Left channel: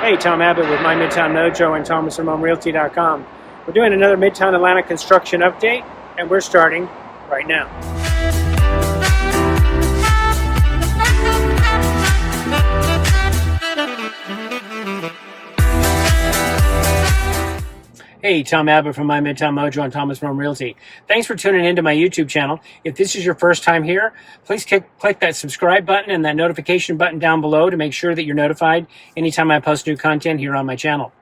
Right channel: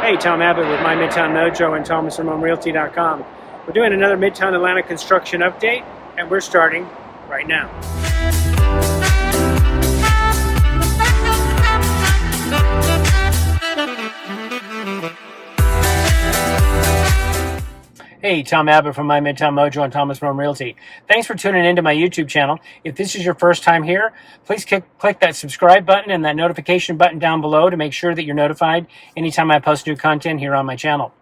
Hey, Tom Abbott with My Midtown Mojo and ThomasRamonRealty.com. We're doing another Midtown Atlanta construction update, and we're starting right now. Hey, Tom Abbott from My Midtown Mojo and Thomas Rome Realty. Thanks for tuning into my YouTube channel. If this is your first time here, please click that subscribe button and that notification button down below to make sure that you're notified anytime I post new content here on my channel.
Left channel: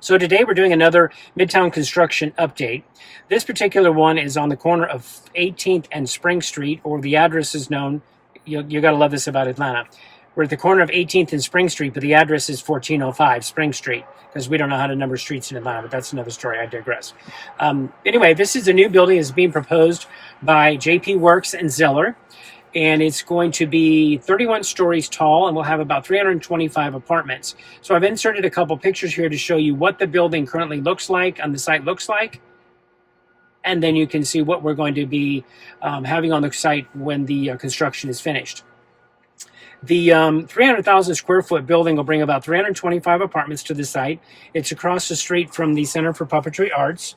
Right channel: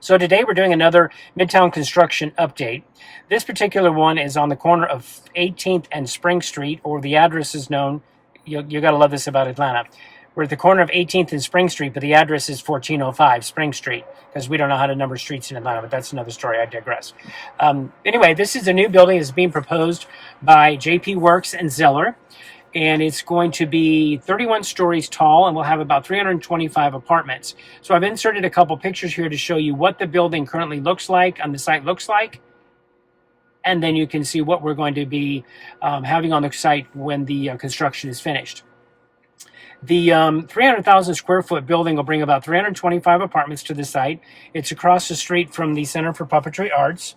So today we're doing another Midtown construction update. This particular one is on the corner of 18th and Spring Street, or the address is known, you gotta love this about Atlanta. We're at the corner of 18th and Spring Street, but the address is 1405 Spring Street, because we don't know how to number streets in Atlanta, but that's another story. I digress. Anyway, this is a new building that's being proposed by JP Works and Zeller, and it's going to be 31 stories tall, and we'll have about 325 apartments. So I've inserted a couple pictures here to show you what the building currently looks like, on the site looks like, and then you can see what we're going to be having on the site when the construction is finished. The 300,000 square foot building will bring about 325 apartments to the site. It's across the street from the Center for Puppetry Arts.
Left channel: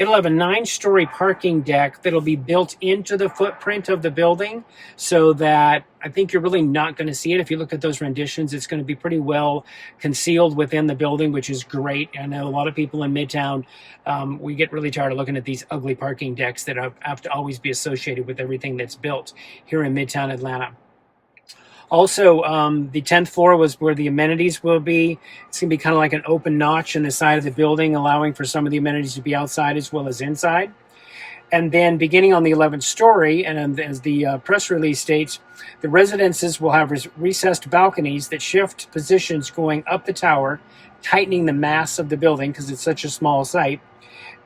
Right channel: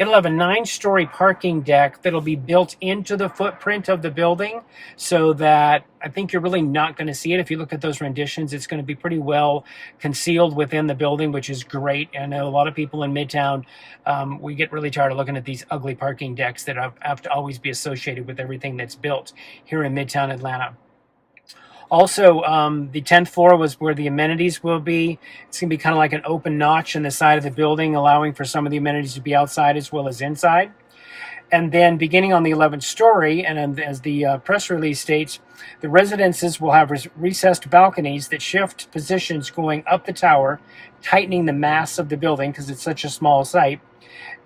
It'll have a 9-story parking deck that'll be built into the footprint of the building, so that I think you're really not going to see it. If you look at those renditions, it's going to be pretty well concealed within the building, which is great. I know a lot of people in Midtown, we get really tired of looking at these ugly parking decks that have to always be associated with everything that's built here in Midtown Atlanta. Also, the 10th floor was where the amenities will be. It's going to be kind of like an open notch in the side of the building, allowing for some of the amenities to be outside as well as inside. And then beginning on the 11th story, and as the press release states, the residences will have recessed balconies that shift positions going up the tower, tightening the mass of the building because it's such a small site,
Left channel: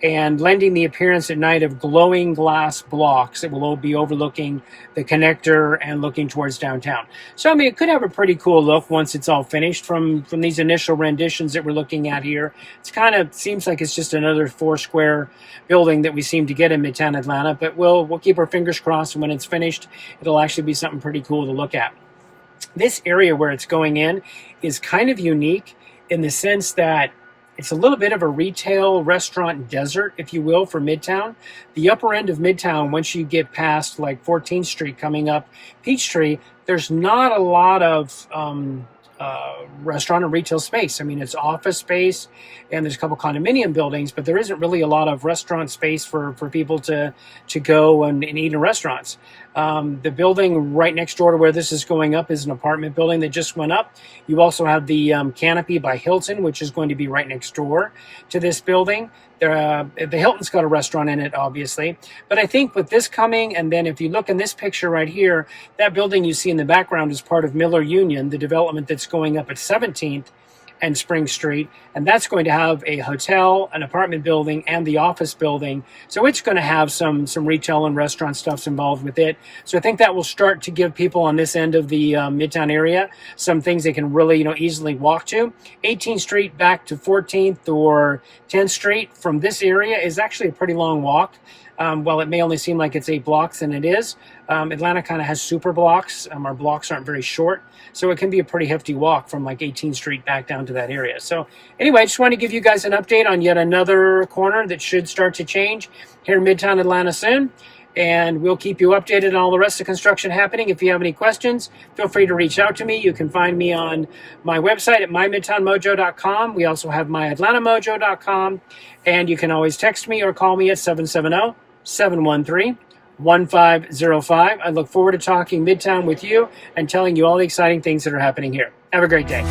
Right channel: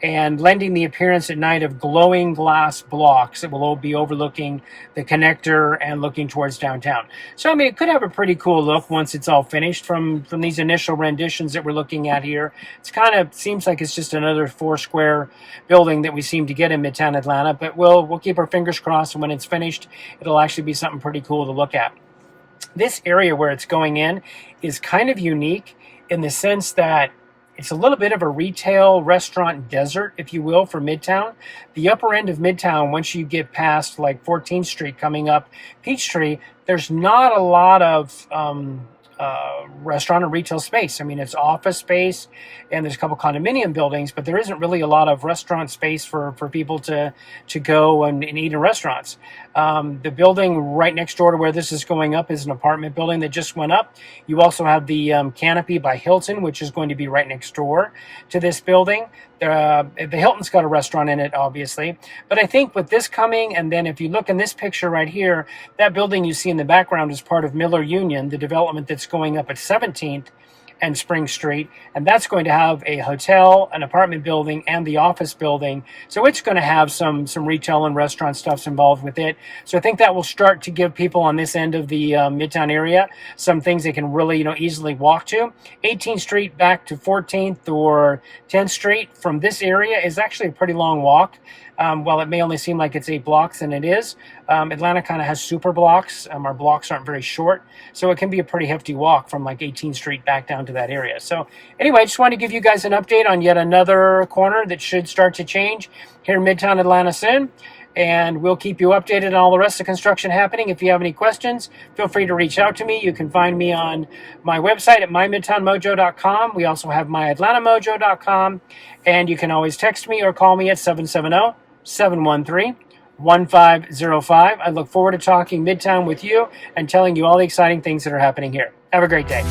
and lending the appearance at night of glowing glass blocks that will all be overlooking the connector and looking towards downtown. So, I mean, it could have a pretty cool look once it's all finished from these initial renditions that we're looking at here. It's kind of seems like it's just another 4-square building that we seem to get in Midtown Atlanta, but we'll keep our fingers crossed, and when it's finished, it'll actually be something pretty cool to look at. This area where it's going in is kind of unique in the sense that it's a little bit of a retail restaurant desert, if you will, for Midtown. The upper end of Midtown, once you get past like 14th Street coming up Peachtree, there's not a lot of restaurant and retail space. I mean, it's office space and there's a couple condominium buildings, but there isn't really a lot of restaurant space for people to go and eat in restaurants. The building right next door to where this is going up is an apartment building that just went up. You also have the Canopy by Hilton, which is going to be right next door to this building. The Hilton's got a restaurant in it, obviously. But I think with this coming, and then if you look in this picture right here, that building you see in the background is part of Miller Union, the development that's going up at 17th and Spring Street, and that's going to have a hotel, an apartment building, and the office building. So it's going to have some retail and restaurant stuffs involved with it. So I think that will start to give people on this end of the Midtown area some things they can really easily walk to. 18th Street back to 14th or 10th Street from this area is actually a pretty long walk. While it may only seem like it's 8 blocks, and it is, Atlanta kind of has super blocks. Our blocks aren't very short, so it can be a pretty hefty walk from like 18th Street back down to that area. So anyway, I just want to give you guys an update on yet another corner that should start to change here in Midtown Atlanta soon. And we'll keep you updated on all the rest of construction happening. If you have any questions, feel free to reach out to me. You can find me on my website at mymidtownmojo.com. We also have myatlantamojo.com. And you can always text me or call me at 770-713-1505. I look forward to talking Midtown with you and telling you all the exciting things that are happening here. Have a great day.